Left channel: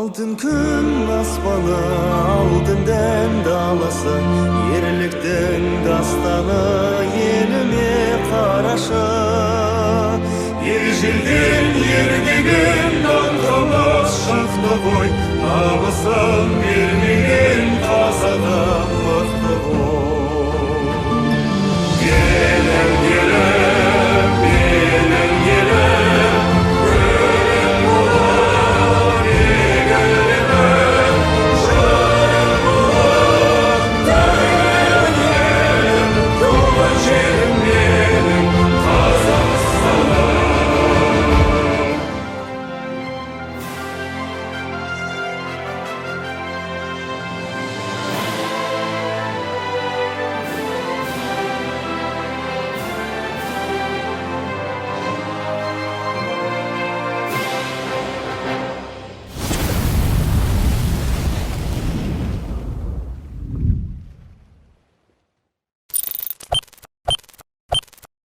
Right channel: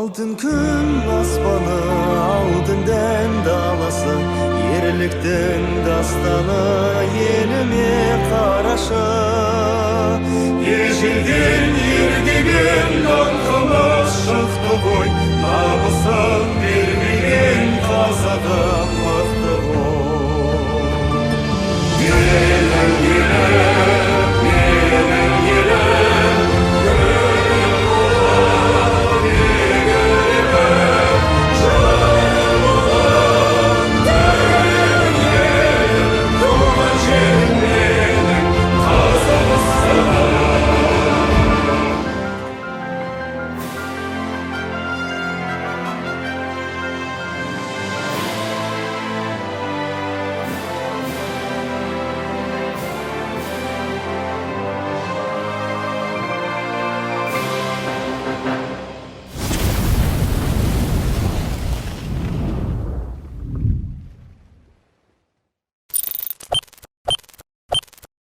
Алтын күн аспаны, алтынден даласы, ерліктің дастаны еліме қарашы. Ежелден ердеген аңқалас шықты ғой, намысын бермеген қазағым мықты.